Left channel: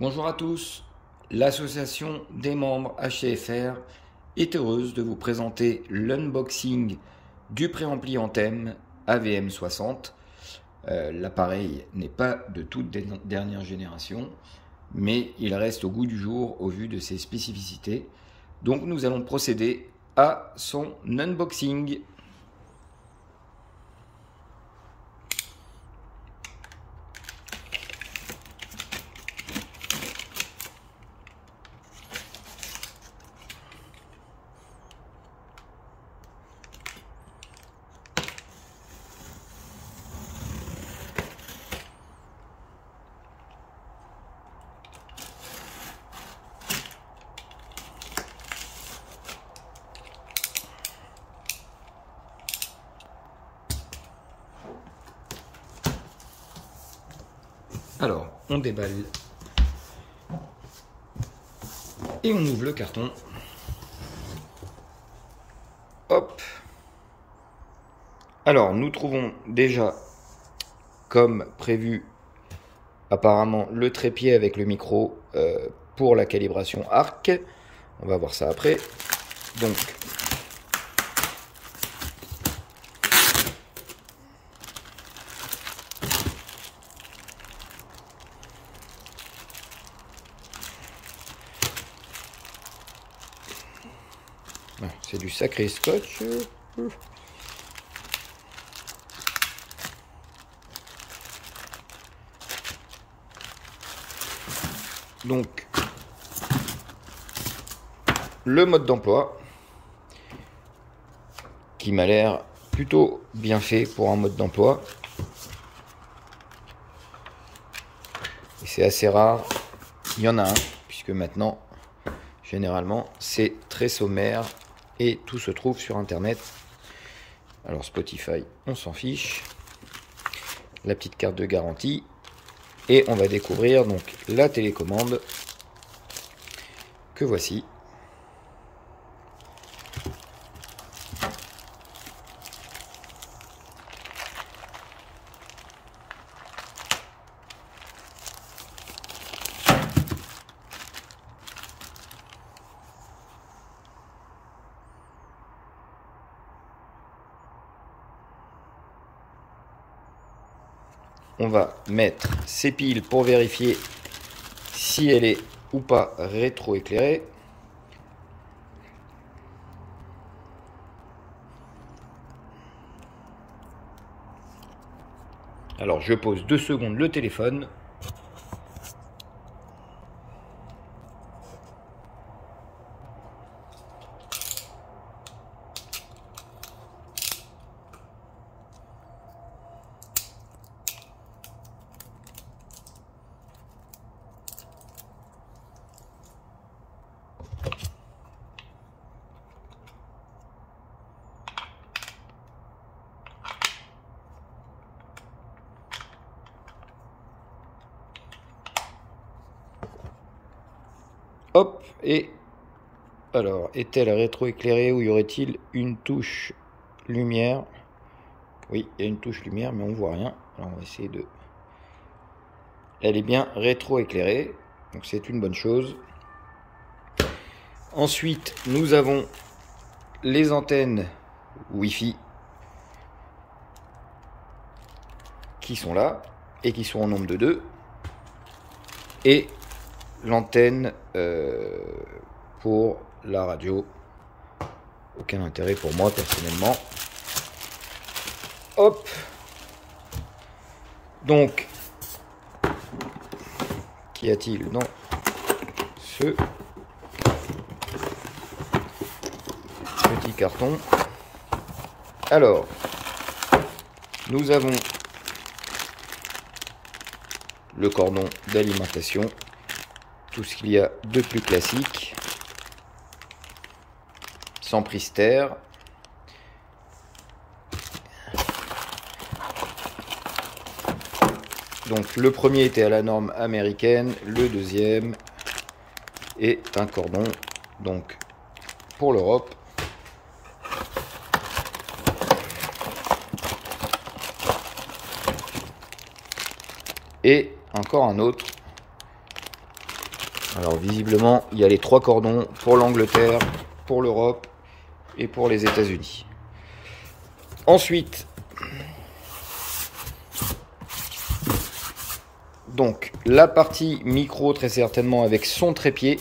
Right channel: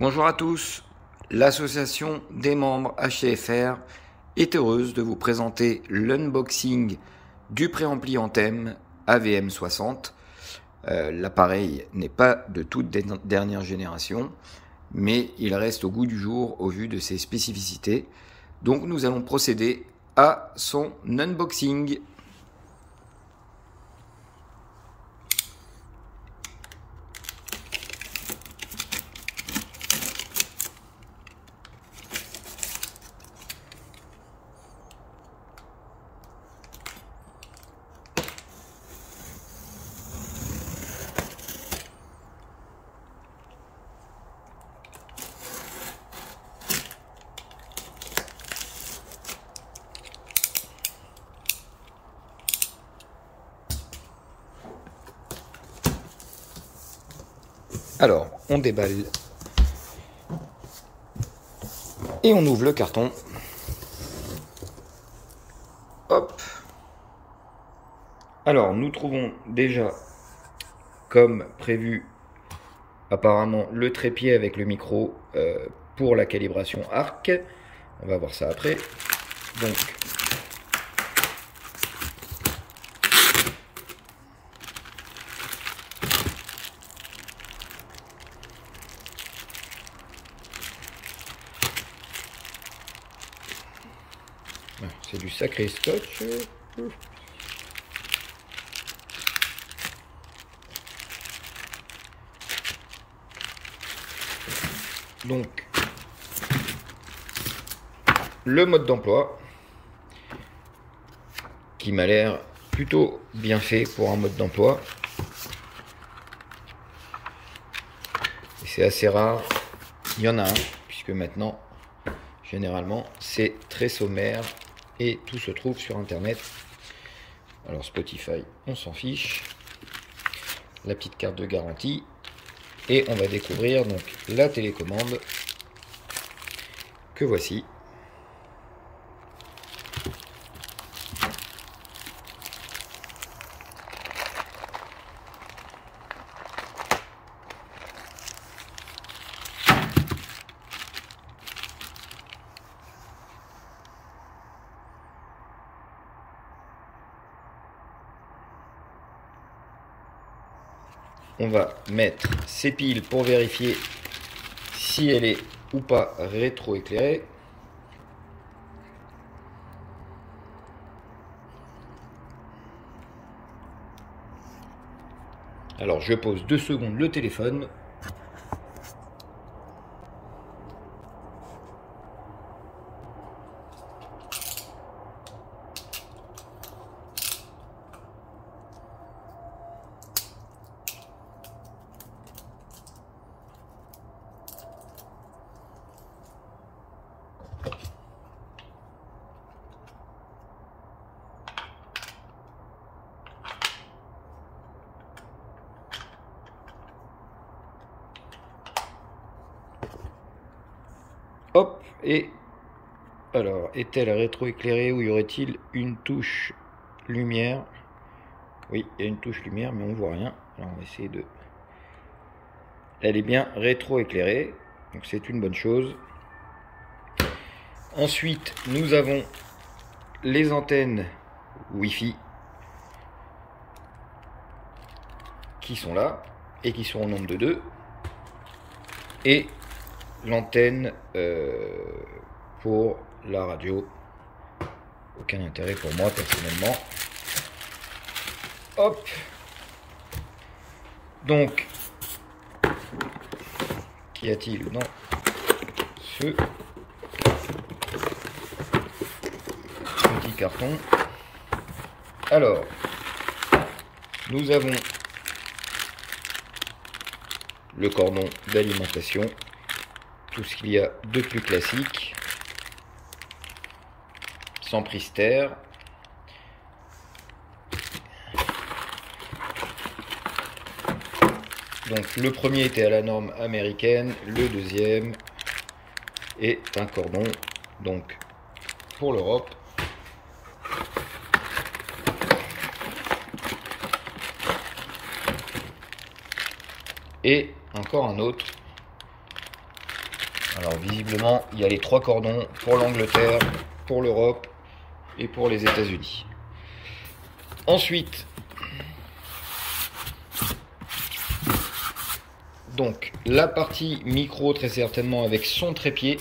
Bonjour à tous, l'association des membres HCFR est heureuse de vous présenter l'unboxing du préampli Anthem AVM60. L'appareil n'est pas de toute dernière génération, mais il reste au goût du jour au vu de ses spécificités. Donc nous allons procéder à son unboxing. Alors, on déballe et on ouvre le carton. Hop. Alors, nous trouvons déjà, comme prévu, apparemment le trépied avec le micro pour la calibration arc. On va voir ça après. Donc, c'est du sacré scotch. Donc, le mode d'emploi, qui m'a l'air plutôt bien fait pour un mode d'emploi. Et c'est assez rare, il y en a un, puisque maintenant, généralement, c'est très sommaire et tout se trouve sur Internet. Alors Spotify, on s'en fiche. La petite carte de garantie. Et on va découvrir donc la télécommande que voici. On va mettre ces piles pour vérifier si elle est ou pas rétroéclairée. Alors je pose 2 secondes le téléphone. Hop, et alors, est-elle rétroéclairée ou y aurait-il une touche lumière? Oui, il y a une touche lumière, mais on voit rien. Alors, on va essayer de... Elle est bien rétroéclairée, donc c'est une bonne chose. Ensuite, nous avons les antennes Wi-Fi qui sont là et qui sont au nombre de 2. Et l'antenne pour la radio. Aucun intérêt pour moi personnellement. Hop. Donc, qu'y a-t-il dans ce petit carton? Alors, nous avons le cordon d'alimentation, tout ce qu'il y a de plus classique, sans prise terre. Donc le premier était à la norme américaine, le deuxième est un cordon donc pour l'Europe. Et encore un autre Alors visiblement, il y a les 3 cordons pour l'Angleterre, pour l'Europe et pour les États-Unis. Ensuite, donc la partie micro, très certainement avec son trépied.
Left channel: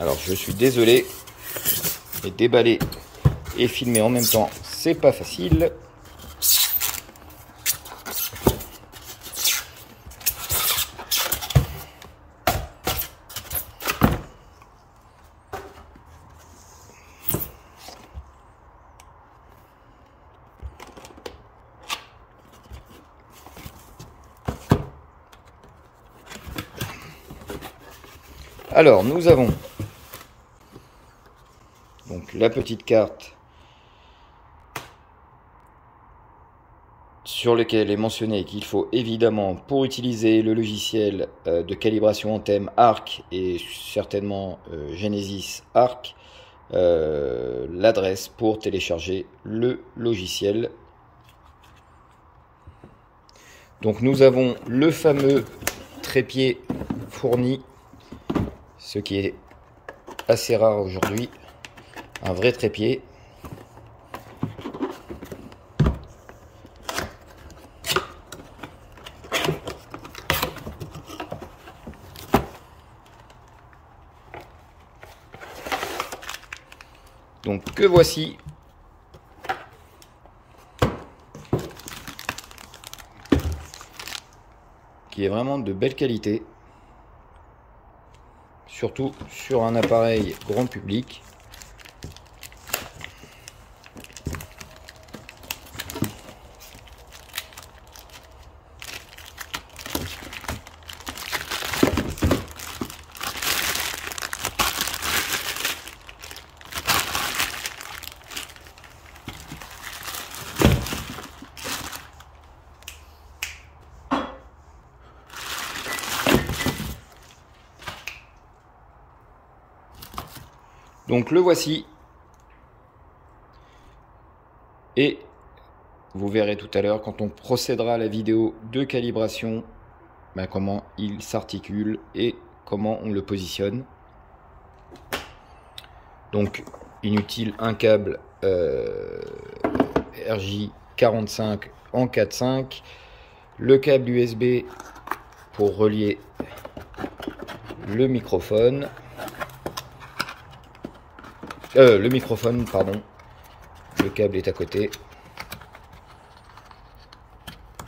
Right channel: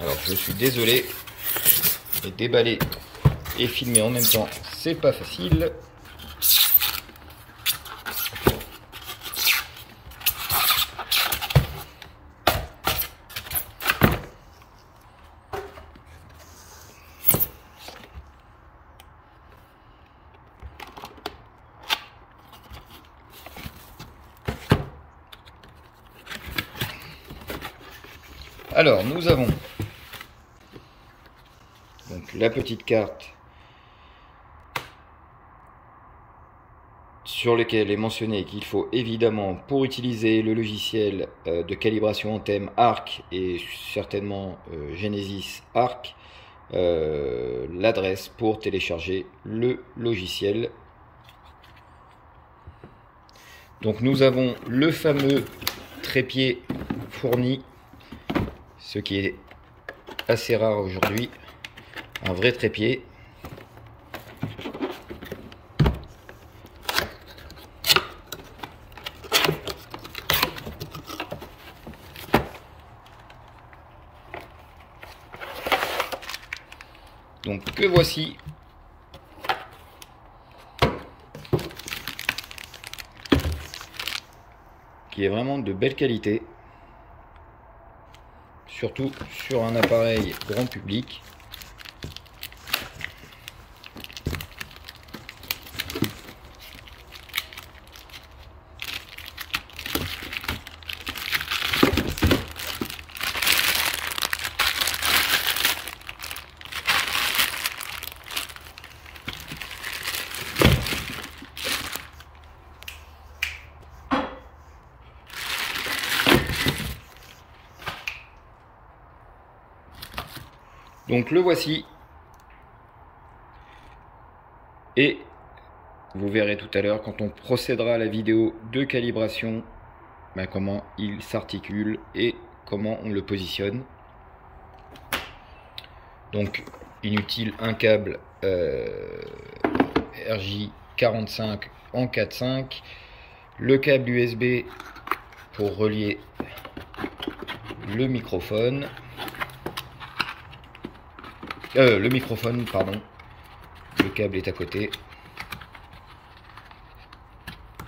Alors je suis désolé, mais déballer et filmer en même temps, c'est pas facile. Alors nous avons donc la petite carte sur laquelle est mentionné qu'il faut évidemment, pour utiliser le logiciel de calibration Anthem Arc et certainement Genesis Arc, l'adresse pour télécharger le logiciel. Donc nous avons le fameux trépied fourni, ce qui est assez rare aujourd'hui, un vrai trépied. Donc que voici. Qui est vraiment de belle qualité. Surtout sur un appareil grand public. Donc le voici, et vous verrez tout à l'heure quand on procédera à la vidéo de calibration, comment il s'articule et comment on le positionne. Donc inutile un câble RJ45 en 4.5, le câble USB pour relier le microphone. Le microphone, pardon. Le câble est à côté.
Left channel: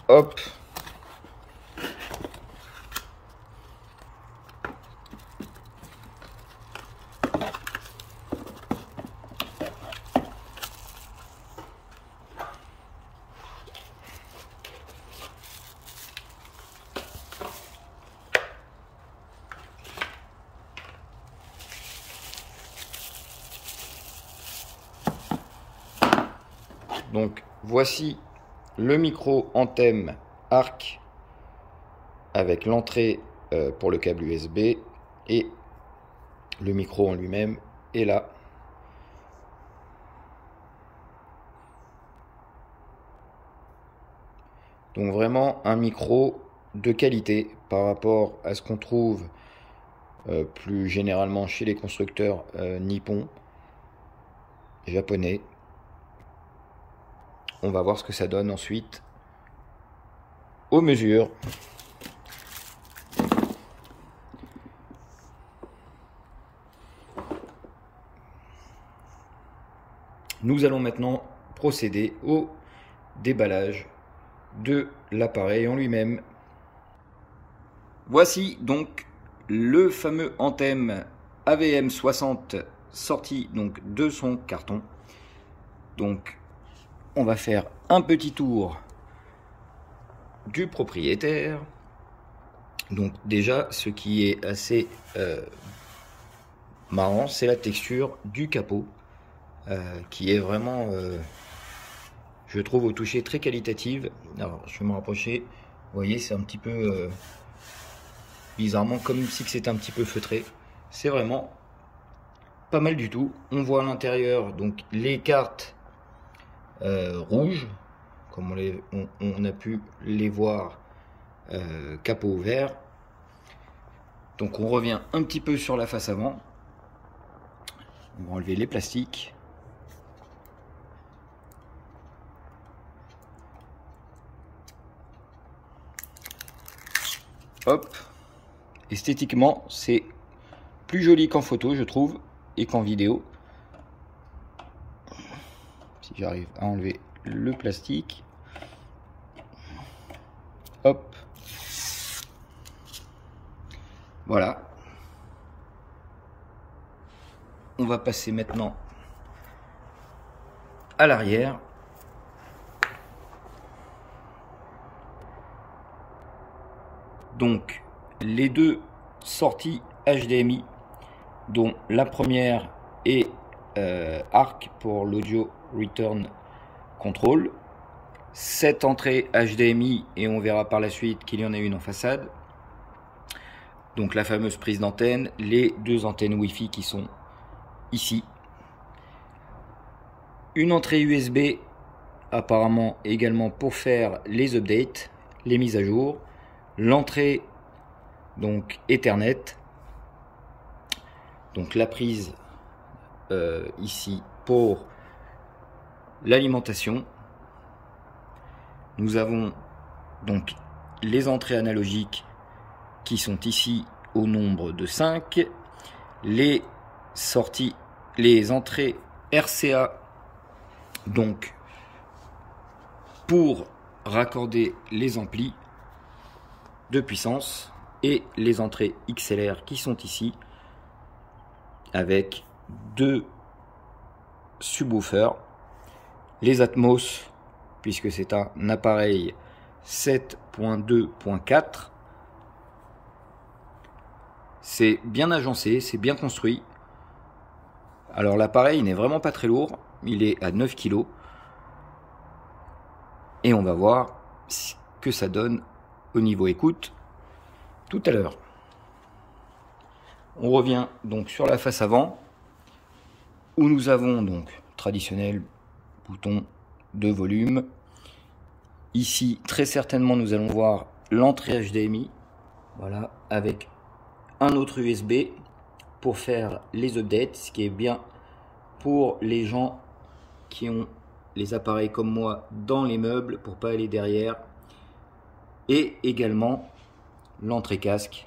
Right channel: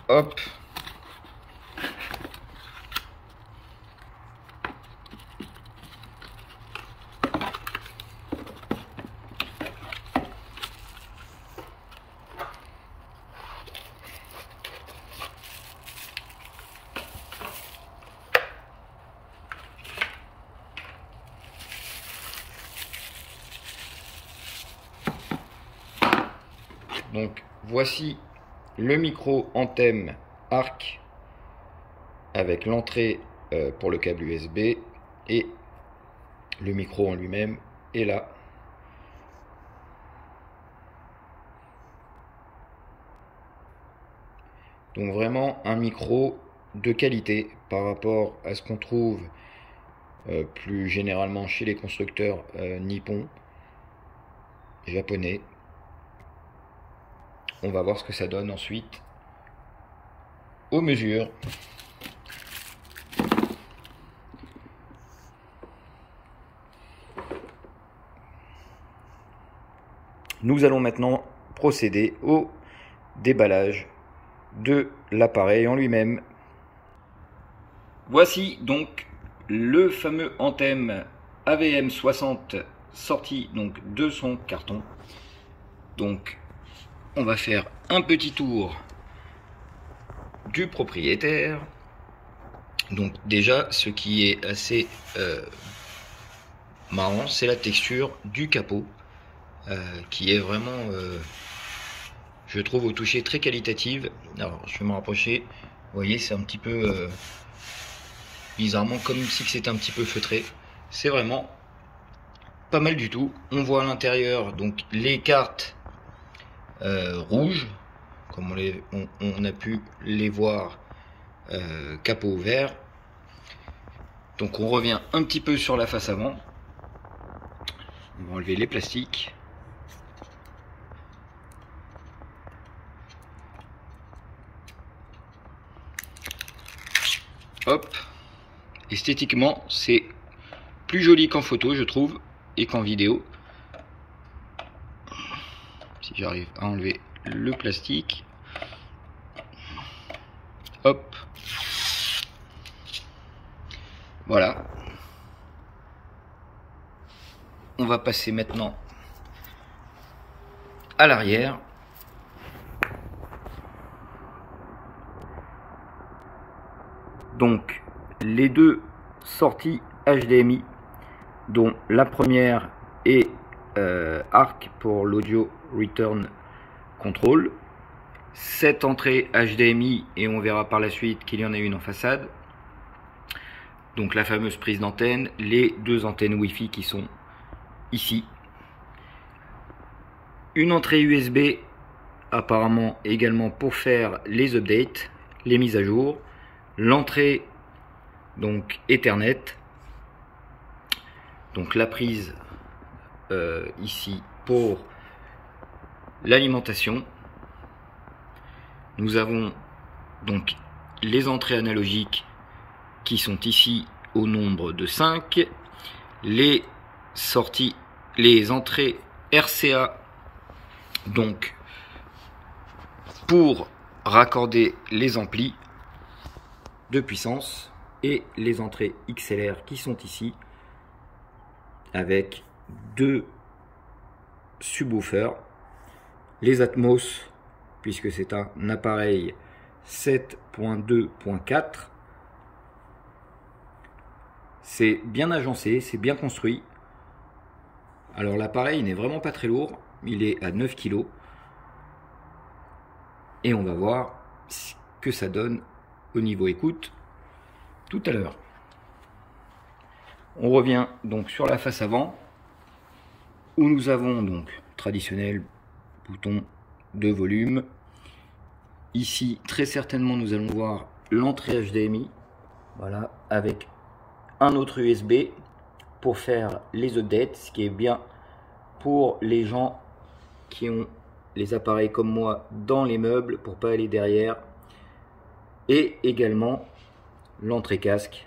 Hop. Donc voici le micro Anthem Arc avec l'entrée pour le câble USB, et le micro en lui-même est là. Donc vraiment un micro de qualité par rapport à ce qu'on trouve plus généralement chez les constructeurs nippons, japonais. On va voir ce que ça donne ensuite aux mesures. Nous allons maintenant procéder au déballage de l'appareil en lui-même. Voici donc le fameux Anthem AVM60 sorti donc de son carton. Donc on va faire un petit tour du propriétaire. Donc déjà, ce qui est assez marrant, c'est la texture du capot qui est vraiment, je trouve, au toucher très qualitative. Alors je vais me rapprocher. Vous voyez, c'est un petit peu bizarrement comme si c'était un petit peu feutré. C'est vraiment pas mal du tout. On voit à l'intérieur donc les cartes rouges, comme on a pu les voir capot vert. Donc on revient un petit peu sur la face avant. On va enlever les plastiques. Hop. Esthétiquement, c'est plus joli qu'en photo, je trouve, et qu'en vidéo. Si j'arrive à enlever le plastique. Hop. Voilà. On va passer maintenant à l'arrière. Donc, les deux sorties HDMI, dont la première est ARC pour l'audio return control. Cette entrée HDMI, et on verra par la suite qu'il y en a une en façade. Donc la fameuse prise d'antenne, les deux antennes Wi-Fi qui sont ici. Une entrée USB apparemment également pour faire les updates, les mises à jour. L'entrée donc Ethernet. Donc la prise ici pour l'alimentation. Nous avons donc les entrées analogiques qui sont ici au nombre de 5, les sorties, les entrées RCA, donc pour raccorder les amplis de puissance, et les entrées XLR qui sont ici avec deux subwoofers, les Atmos puisque c'est un appareil 7.2.4. C'est bien agencé, c'est bien construit. Alors l'appareil n'est vraiment pas très lourd, il est à 9 kg. Et on va voir ce que ça donne au niveau écoute tout à l'heure. On revient donc sur la face avant, où nous avons donc traditionnel bouton de volume. Ici, très certainement, nous allons voir l'entrée HDMI, voilà, avec un autre USB pour faire les updates, ce qui est bien pour les gens qui ont les appareils comme moi dans les meubles pour pas aller derrière, et également l'entrée casque.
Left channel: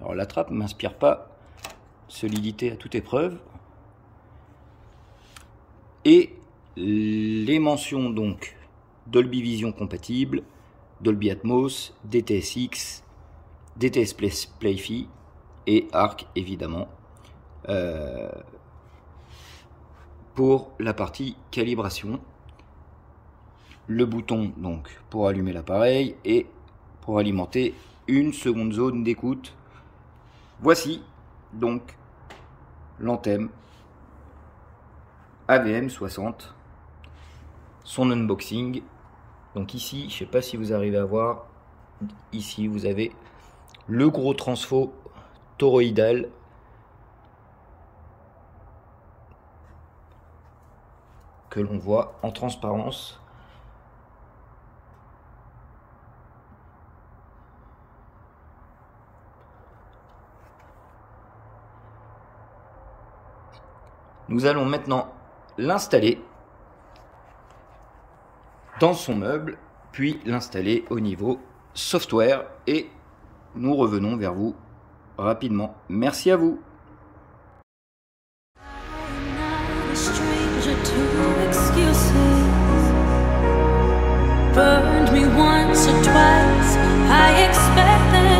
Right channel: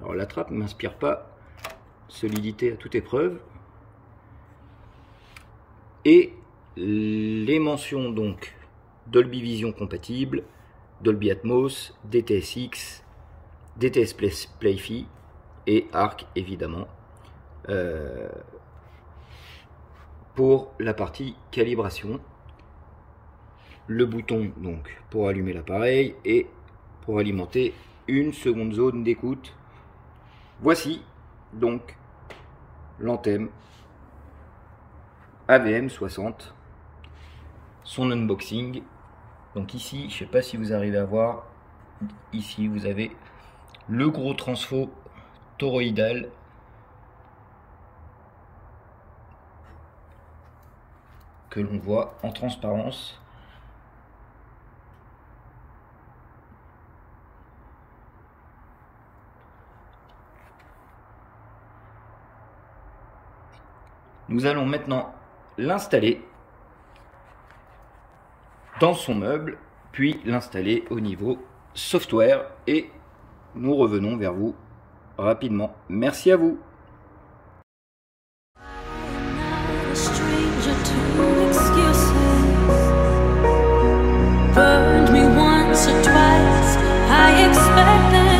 Alors la trappe m'inspire pas solidité à toute épreuve, et les mentions donc Dolby Vision compatible, Dolby Atmos, DTS:X, DTS Play-Fi et ARC évidemment pour la partie calibration. Le bouton donc pour allumer l'appareil et pour alimenter une seconde zone d'écoute. Voici donc l'antenne AVM60, son unboxing. Donc ici, je ne sais pas si vous arrivez à voir, ici vous avez le gros transfo toroïdal que l'on voit en transparence. Nous allons maintenant l'installer dans son meuble, puis l'installer au niveau software, et nous revenons vers vous rapidement. Merci à vous. Burned me once or twice, I expect them.